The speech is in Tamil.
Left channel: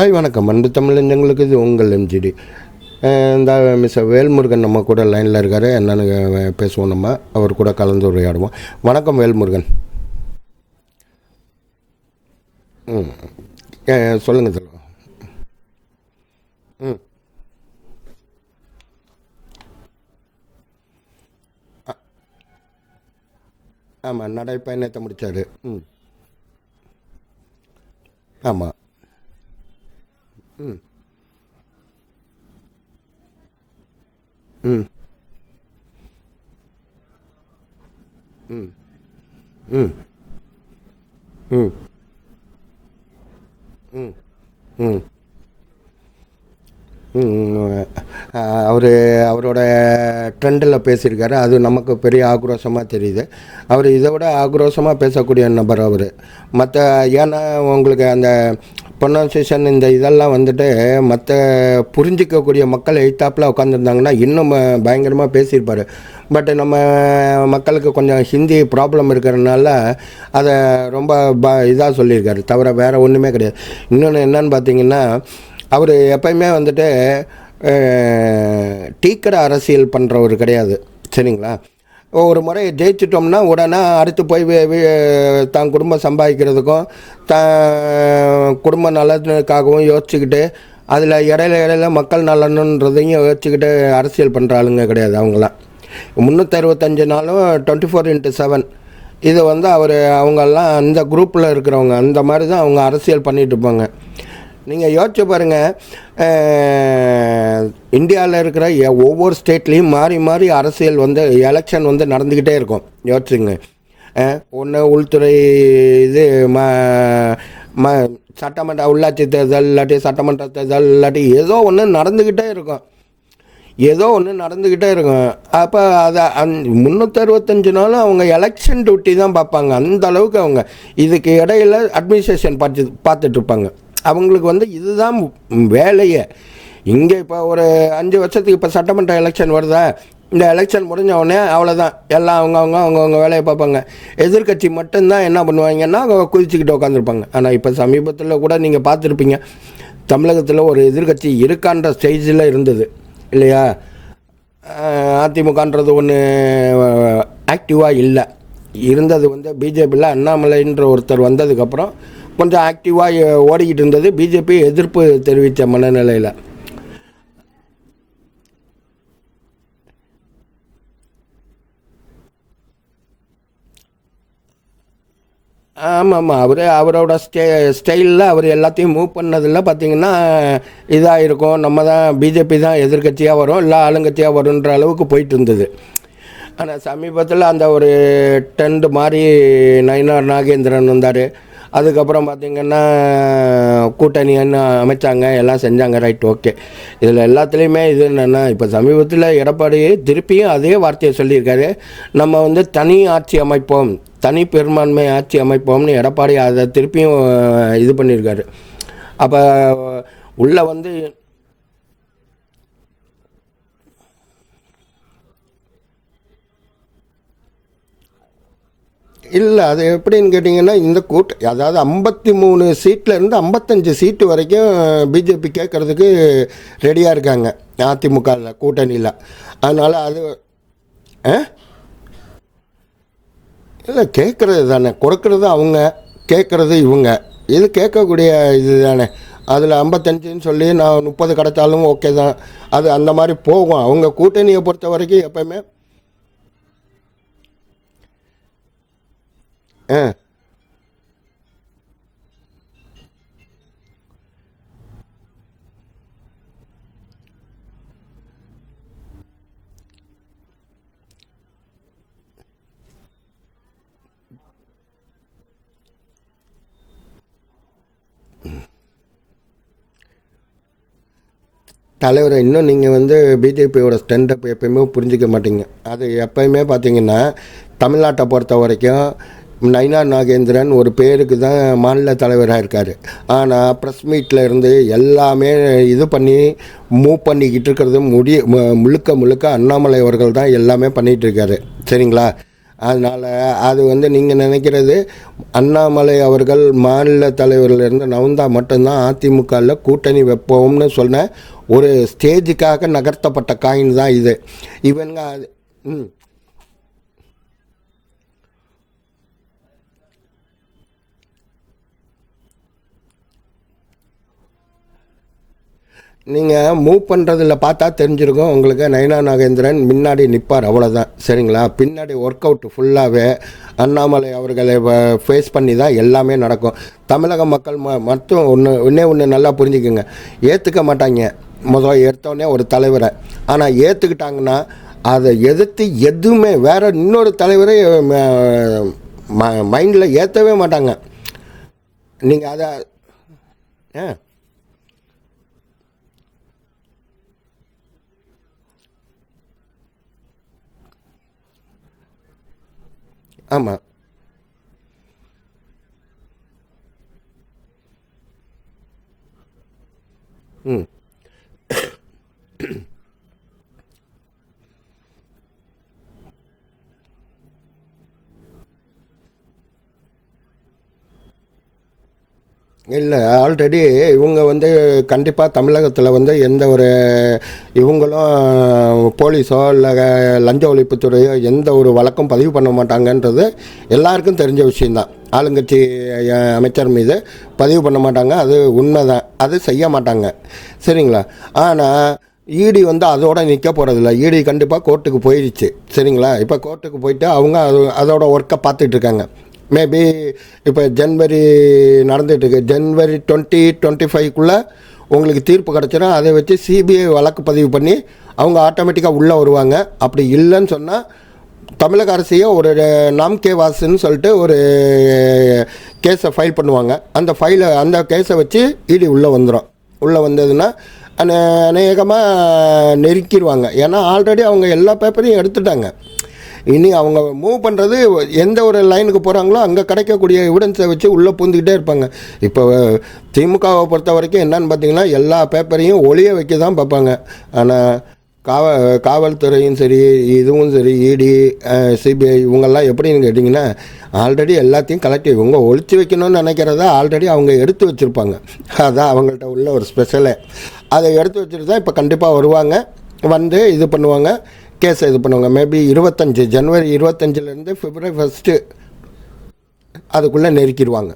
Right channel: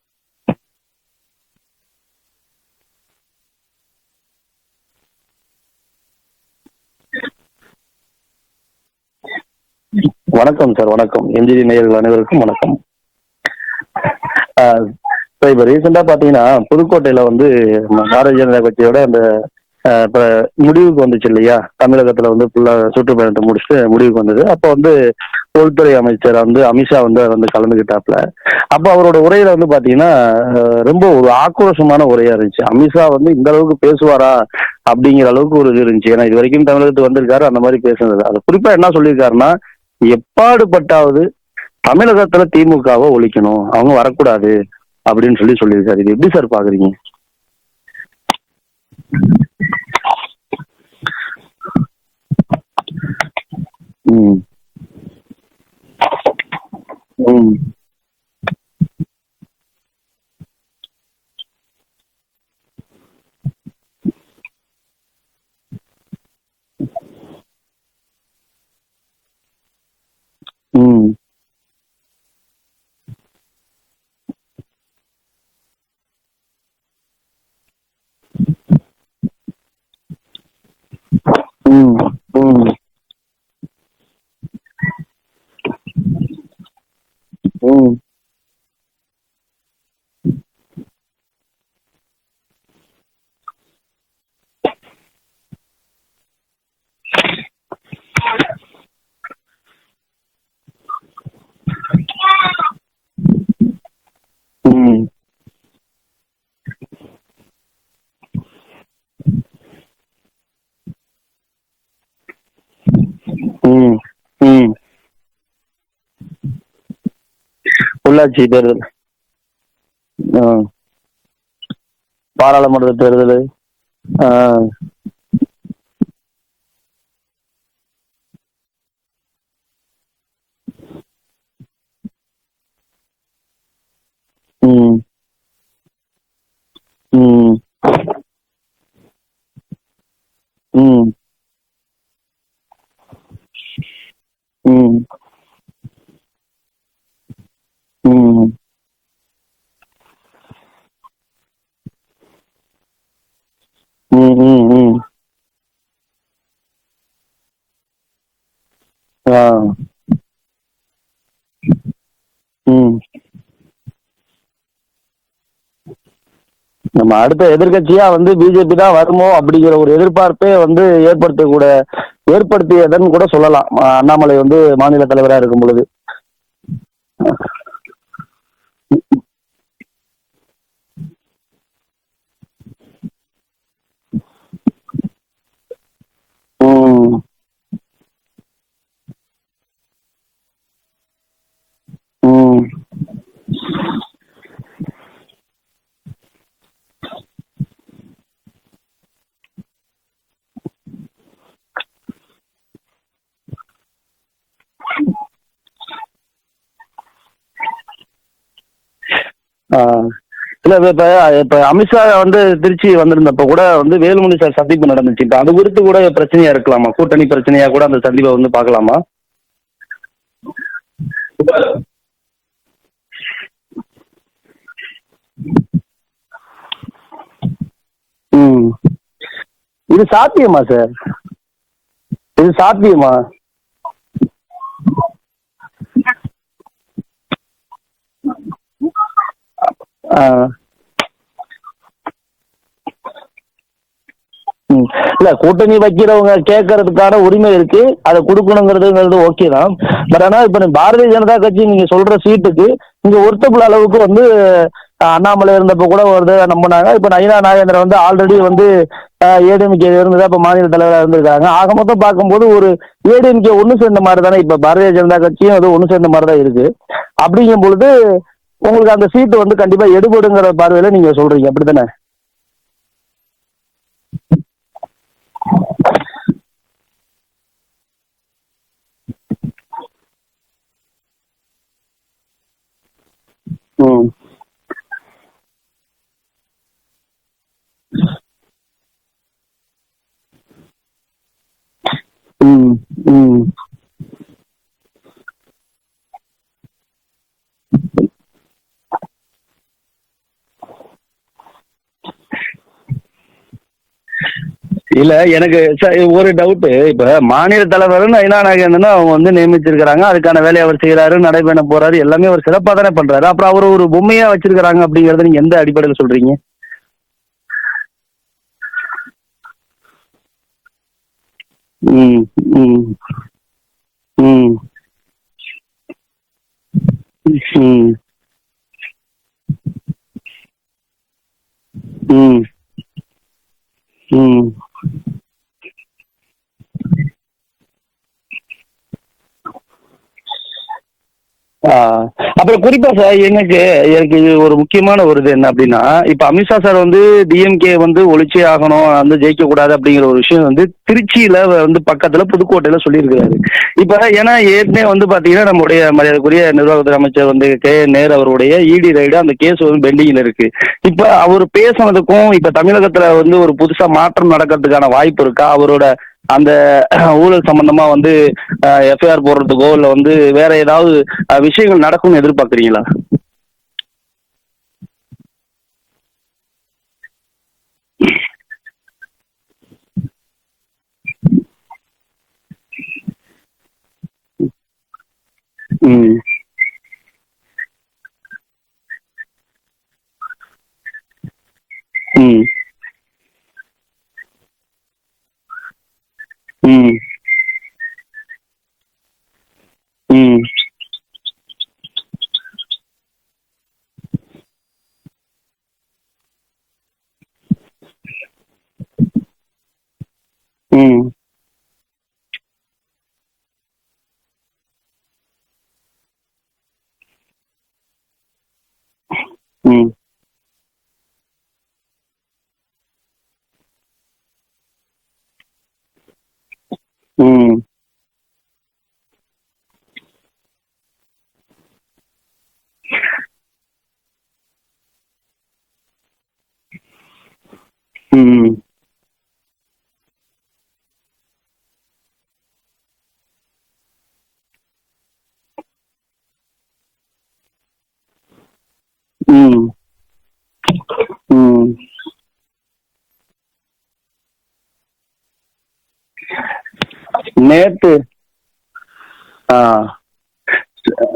ஹாய் வணக்கம் அன்பு தமிழஞ்சங்களுக்கு இது உங்கள் எம்ஜிடி. இந்த வேல்முருகன் நம்ம கூட லைனில் இருக்கார். என்னென்னு பேசுவோம், நம்ம அவர் கூட கலந்து உரையாடுவோம். வணக்கம் வேல்முருகன். வணக்கம் சார். வணக்கம் எம்ஜிடி நேயர்கள் அனைவருக்கும் வணக்கம். சொல்லுங்கள் சார். இப்போ ரீசெண்டாக பார்த்தீங்கன்னா புதுக்கோட்டையில் பாரதிய ஜனதா கட்சியோட அந்த இப்போ முடிவுக்கு வந்துச்சு இல்லையா, தமிழகத்துல ஃபுல்லா சுற்றுப்பயணத்தை முடிச்சுட்டு முடிவுக்கு வந்தது. அப்போ உள்துறை அமைச்சர் அமித்ஷா கலந்துகிட்டாப்ல. அப்ப அவரோட உரையில பாத்தீங்கன்னா ரொம்ப ஒரு ஆக்ரோஷமான உரையா இருந்துச்சு. அமித்ஷா இந்த அளவுக்கு பேசுவாரா அப்படிங்கிற அளவுக்கு ஒரு இது இருந்துச்சு. ஏன்னா இது வரைக்கும் தமிழகத்துக்கு வந்திருக்காரு, அந்த மாதிரி பேசுனது. அது குறிப்பா என்ன சொல்லியிருக்காருன்னா, எப்பாடுபட்டாவது தமிழகத்துல திமுகவை ஒழிக்கணும், அவங்க வரக்கூடாது அப்படின்னு சொல்லியிருக்காரு. இது எப்படி சார் பாக்குறீங்க? அவரோட ட்ரெண்டில் பேசியிருக்காரு. அது நமக்கு பெரிய ஆக்ரோஷமாக தெரியுது. அவர் இதை விட ஆக்ரோஷமாக பேசக்கூடிய நபர் அவர். மற்ற ஏன்னா உங்களுக்கு அந்த ப்ரொனன்சியேஷன் இந்த இதெல்லாம் மற்ற புரிஞ்சிக்கக்கூடிய மக்கள் எய்த்தாப்பில் உட்காந்துருந்தாங்கன்னா இன்னும் பயங்கரமாக பேசியிருப்பார். பட் நம்ம மக்களுக்கு கொஞ்சம் ஹிந்தி ப்ராப்ளம் இருக்கிறதுனால அதை ரொம்ப இதாக சொல்லியிருக்காரு, தவிர வேறு ஒன்றுமே கிடையாது. இன்னொன்று என்னன்னு பார்த்தீங்கன்னா, அவர் எப்பயுமே டீக்கடை அரசியல் பண்ணுறவர் கிடையாது, சரிங்களா? ஒரு முறை ஜெயிச்சிட்டோம்னா உடனே அடுத்து போய் தான் குடும்பம் சம்பாதிக்கிறதுக்கும் குடும்ப நலனுக்காகவும் யோசிச்சுக்கிட்டு அதில் இடையில மக்கள் நலனுன்றதையும் யோசிச்சுக்கிட்டு அரசியல் பண்ணுற ஆளுங்க கிடையாது. அவங்களாம் 365 நாளும் 24x7 இது அவங்கெல்லாம் அந்த குரூப்பில் இருக்கிறவங்க, அந்த மாதிரி தான் அவங்க அரசியல் பண்ணிட்டு இருப்பாங்க. நீங்கள் யோசிச்சு பாருங்கள், இந்தியாவில் இருக்கிற ஒவ்வொரு ஸ்டேட்லேயும் மாறி மாறி அரசியல் எலெக்ஷன் நடந்துக்கிட்டே இருக்கும். யோசிச்சுங்க, உள்துறை இது உள்ளாட்சி தேர்தல் இல்லாட்டி சட்டமன்ற தேர்தல் இல்லாட்டி ஏதோ ஒன்று நடந்துக்கிட்டே ஏதோ ஒன்று நடந்துக்கிட்டே இருக்கும். அப்போ அதை 365 நாளும் அவங்க எலெக்ஷன் டியூட்டி தான் பார்ப்பாங்க. அந்த அளவுக்கு அவங்க இதுக்கு இடையில அட்மினிஸ்ட்ரேஷன் பார்த்துட்டு இருப்பாங்க. அவங்களுக்கு இதுதான் வேலையே. இங்கே இப்போ ஒரு 5 வருஷத்துக்கு இப்போ சட்டமன்ற எலெக்ஷன் வருதா, இந்த எலெக்ஷன் முடிஞ்ச உடனே அவ்வளோதான், எல்லாம் அவங்கவுங்க வேலையை பார்ப்பாங்க. எதிர்கட்சி மட்டும்தான் என்ன பண்ணுவாங்கன்னா குதிச்சுக்கிட்டு உட்காந்துருப்பாங்க. ஆனால் இப்போ சமீபத்தில் கூட நீங்கள் பார்த்துருப்பீங்க, தமிழகத்தில் ஒரு எதிர்கட்சி இருக்கான்ற ஸ்டேஜில் இருந்தது இல்லையா? அதிமுகன்றது ஒன்று ஆக்டிவாக இல்லை இருந்தது. பிஜேபியில் அண்ணாமலைன்ற ஒருத்தர் வந்ததுக்கப்புறம் கொஞ்சம் ஆக்டிவாக ஓடிக்கிட்டு இருந்தது. பிஜேபி எதிர்ப்பு தெரிவித்த மனநிலையில் நம்ம அடுத்த எதிர்கட்சியா பிஜேபி தான் வருமோ அப்படிங்கிற ஒரு எதிர்பார்ப்பே ஏற்படுத்தியதுன்னு கூட சொல்லலாம். அண்ணாமலை மாநில தலைவராக இருக்கும் பொழுது. ஆமாம், அவரோட ஸ்டைலில் அவர் எல்லாத்தையும் மூவ் பண்ணதில் பார்த்தீங்கன்னா இதாக இருக்கும். நம்ம தான் பிஜேபி தான் எதிர்கட்சியாக வரும், இல்லை ஆளுங்கட்சியாக வரும்ன்ற அளவுக்கு போயிட்டு இருந்தது. சமீபத்தில் அந்த ஒரு டெண்ட் மாதிரி நயினார் நாகேந்திரன் வந்தார். அதுக்கப்புறம் பார்த்திங்கன்னா கூட்டணி அமைச்சாங்க, எல்லாம் செஞ்சாங்க. Right, okay. இதில் எல்லாத்துலேயுமே இது என்னென்னா, இப்போ சமீபத்தில் எடப்பாடி திருப்பியும் அதே வார்த்தையை சொல்லியிருக்காரு. நம்ம தனி ஆட்சி அமைப்போம், தனி பெரும்பான்மை ஆட்சி அமைப்போம்னு எடப்பாடி அதை திருப்பியும் இது பண்ணியிருக்காரு. அப்போ இப்ப அமித்ஷா திருச்சி வந்திருந்தப்ப கூட வேலுமணி சார் சந்திப்பு நடந்துச்சு. இப்ப அது குறித்து கூட பிரச்சனையா இருக்கலாமா? கூட்டணி பிரச்சனையா கூட அந்த சந்திப்பை பார்க்கலாமா? இல்ல, அது எப்படின்னு கேட்டீங்கன்னா, இந்த அதாவது 53 சீட்ல இருந்து 55 சீட்டு வரைக்கும் பிஜேபி கேட்கறதுக்கு ரெடியா இருக்காங்க அதிமுக கூட்டணியில. அதனால சாத்தியமா சார்? இது சாத்தியமா? இல்லை, கேட்கறது தானே, கொடுக்கறது அவங்க, கேட்கறது இவங்க. இது கேட்கக்கூடிய இது தானே. அதில் 55 சொல்லி நான் 30 கிடைச்சாலும் ஓகே தான். அது அந்த மாதிரி போகும். அவங்க கூட்டணியை பொறுத்த வரைக்கும் கூட்டணி வைக்கிறவங்க கேட்கறதுக்கான உரிமை இருக்கு, அதை கொடுக்கணுங்கிறது ஓகே தான். பட் ஆனால் இப்போ பாரதிய ஜனதா கட்சி நீங்க சொல்ற சீட்டுக்கு இங்க ஒருத்தப்புல அளவுக்கு அண்ணாமலை இருந்தப்ப கூட நம்பினாங்க. இப்ப நயினா நாகேந்திரன் ஆல்ரெடி ஏடிஎம்கே இருந்ததா இப்ப மாநில தலைவராக இருந்திருக்காங்க. ஆக மொத்தம் பார்க்கும்போது ஒரு ஏடிஎம்கே ஒண்ணு சேர்ந்த மாதிரி தானே இப்ப பாரதிய ஜனதா கட்சியும் ஒண்ணு சேர்ந்த மாதிரி தான் இருக்கு. அப்படிங்கும் பொழுது உங்களுக்கு அந்த சீட்டு கண்டிப்பா எடுபடுங்கிற பார்வையில நீங்க சொல்றீங்க, அப்படித்தானே தலைவர்? இன்னும் நீங்க பிஜேபியோட ஸ்ட்ரென்த் எப்பயுமே புரிஞ்சிக்க மாட்டீங்க. அது எப்பயுமே பாத்தீங்கன்னா, தமிழ்நாட்டை பொறுத்த வரைக்கும் நயினார் நாகேந்திரன் ஒரு பேருக்கு தான் மாநில தலைவராக இருக்கார். ஆனால் ப்ரெஸ் மீட்டில் இருந்து எல்லாமே இது பண்ணி மூவ் பண்ணிக்கிட்டு இருக்கிறது முழுக்க அண்ணாமலை அவர்கள் தான் எல்லாமே பண்ணிகிட்டு இருக்காரு, சரிங்களா? அதனால அது வந்து நீங்கள் நினைக்கிறது அண்ணாமலை அவர்கள் மாநில தலைவரிலிருந்து நவுந்தா மட்டும்தான் அதிமுகவில் கூட்டணி வைப்போம்னு சொன்ன ஒரு ஸ்டேஜுக்காக நகர்த்தப்பட்ட காயின் தான் இது. இல்ல எனக்கு ஒரு டவுட். இப்ப மாநில தலைவர் நயினா நாகேந்திரன் அவங்க வந்து நியமிச்சிருக்காங்க, அதுக்கான வேலையை அவர் செய்யறாரு, நடைபெற போறாரு, எல்லாமே அவர் சிறப்பா தானே பண்றாரு. அப்புறம் அவர் ஒரு பொம்மையா வச்சிருக்காங்க அப்படிங்கறத நீங்க எந்த அடிப்படையில் சொல்றீங்க? நீங்க மூவ் பண்றதுல பார்த்தா தெரிஞ்சிருக்கும் உங்களுக்கு. நயினா நாகேந்திரன் முன்னாடி நிப்பார், அவ்வளவுதான். சரிங்களா? பின்னாடி ஒர்க் அவுட் ஃபுல்லாவே அண்ணாமலை அவர்களை ஃபேஸ் பண்ணி தான் எல்லாமே நடக்கும். தமிழக மக்கள் மட்டும் ஒன்று நல்லா புரிஞ்சுக்குங்க, ஏற்றுக்க மாட்டாங்க முதல் ஏற்றோடனே ஒரு தலைவரை. ஆனால் ஏற்றுக்கிட்டாங்கன்னா அதை எதிர்த்து எதுவுமே வேற இன்னொரு தலைவரை மைண்டில் ஏற்றவே மாட்டாங்க. அப்புறம் குறிப்பா சார் எனக்கு இது ஒரு முக்கியமான ஒரு இது என்ன அப்படின்னா, இப்ப அமித்ஷா சார் வந்து டிஎம்கே வந்து ஒழிச்சே ஆகணும், வந்து ஜெயிக்க கூடாது அப்படிங்கிற ஒரு விஷயம் வந்து திருச்சியில வந்து பக்கத்துல புதுக்கோட்டையில சொல்லியிருக்கிறாரு. இப்ப ஏன்னா ஏற்கனவே வந்து பாத்தீங்கன்னா நம்முடைய மரியாதைக்குரிய நிர்வாகத்துறை அமைச்சர் வந்து நேரு அவருடைய இடி ரைடு அந்த கேஸ் வந்து பெண்டிங்ல இருக்கு. இப்ப அவர் பேசுனதுக்கும் இப்ப தமிழகத்துல வந்து ஒரு புதுசா மாற்றம் நடக்கிறதுக்கான வாய்ப்பு இருக்கா? அவரோட அந்த ஊழல் சம்பந்தமா வந்து எஃப்ஐஆர் போடுறதுக்கோ இல்ல வந்து வேற ஏதாவது விஷயங்கள் நடக்கும்னு எதிர்பார்க்குறீங்களா? இல்ல, ஆல்ரெடி இவங்க வந்து கண்டிப்பா தமிழகத்துல வந்து எந்த ஒரு இவங்களும் போலீஸோ இல்ல லஞ்ச ஒழிப்புத்துறையோ எந்த ஒரு வழக்கம் பதிவு பண்ண மாட்டாங்கன்றது எல்லாருக்கும் தெரிஞ்ச விஷயம்தான். ஆளுங்கட்சி அமைச்சர் மீது பதிவு பண்ண மாட்டாங்க, அது உண்மைதான். அது செய்ய மாட்டாங்க, சரிங்களா? ஆனால் இடி வந்து அதோட நிற்க போகிறதில்ல. இடி கண்டிப்பாக கோர்ட்டுக்கு போயிடுச்சு, சரிங்களா? இப்போ கோர்ட்டுக்கு போயிட்டு அவங்க அதோட ஒர்க்கை பார்த்துட்டு இருக்காங்க. மேபி இப்போ ஜனவரி நடந்துட்டு இருக்கு, ஜனவரி 2025 உங்களுக்கு தீர்ப்பு கிடச்சிடும். அதை வச்சு சிபிஐ வழக்கு பதிவு பண்ணி அவங்க ஆட்டோமேட்டிக்காக உள்ளே வருவாங்க. அப்படி இல்லைன்னு சொன்னால் தமிழக அரசையே ஒரு நாம்கே வாசுன்னு சொல்லிட்டு ஒரு கேஸை ஃபைல் பண்ணுவாங்க. அந்த கேஸை வச்சு இடி உள்ளே வந்துடும். உள்ளே வந்ததுன்னா அநேகமாக நெருக்கிடுவாங்க. ஏன்னா ஆல்ரெடி அவங்க எல்லா பேப்பரையும் எடுத்துட்டாங்க. இனி அவங்க மூவ் பண்ணுறது எந்த ஒரு லைனுக்கு போகிறாங்களோ அங்கே கிடைக்கக்கூடிய எவிடன்ஸை வச்சு உள்ளே பூந்துக்கிட்டே இருப்பாங்க. இப்போ திமுகவை பொறுத்த வரைக்கும் என்னன்னு பார்த்தீங்கன்னா எல்லா பேப்பரையும் ஒளிய வைக்க தான் பார்ப்பாங்க. ஆனால் காவல்துறையும் சரி, இதுவும் சரி, இடி, சிபிஐ இவங்கெல்லாம் எப்படின்னு கேட்டிங்கன்னா ஆல்ரெடி எல்லாத்தையும் கலெக்டிவ் இவங்க ஒழிச்சு வைக்கணும்னு நினைக்கிறத ஆல்ரெடி அவங்க எடுத்து வச்சுருப்பாங்க. அதான் அவங்க உள்ள ஒரு ஸ்பெஷலே. அதை எடுத்து வச்சுட்டு தான் இப்போ கண்டிப்பாக வருவாங்க, வந்து இது பண்ணுவாங்க, கேஸ் இது பண்ணுவாங்க. மேபி 25 ஜனவரி 25 ஃபர்ஸ்ட் அதுக்குள்ள நெருக்கிடுவாங்க.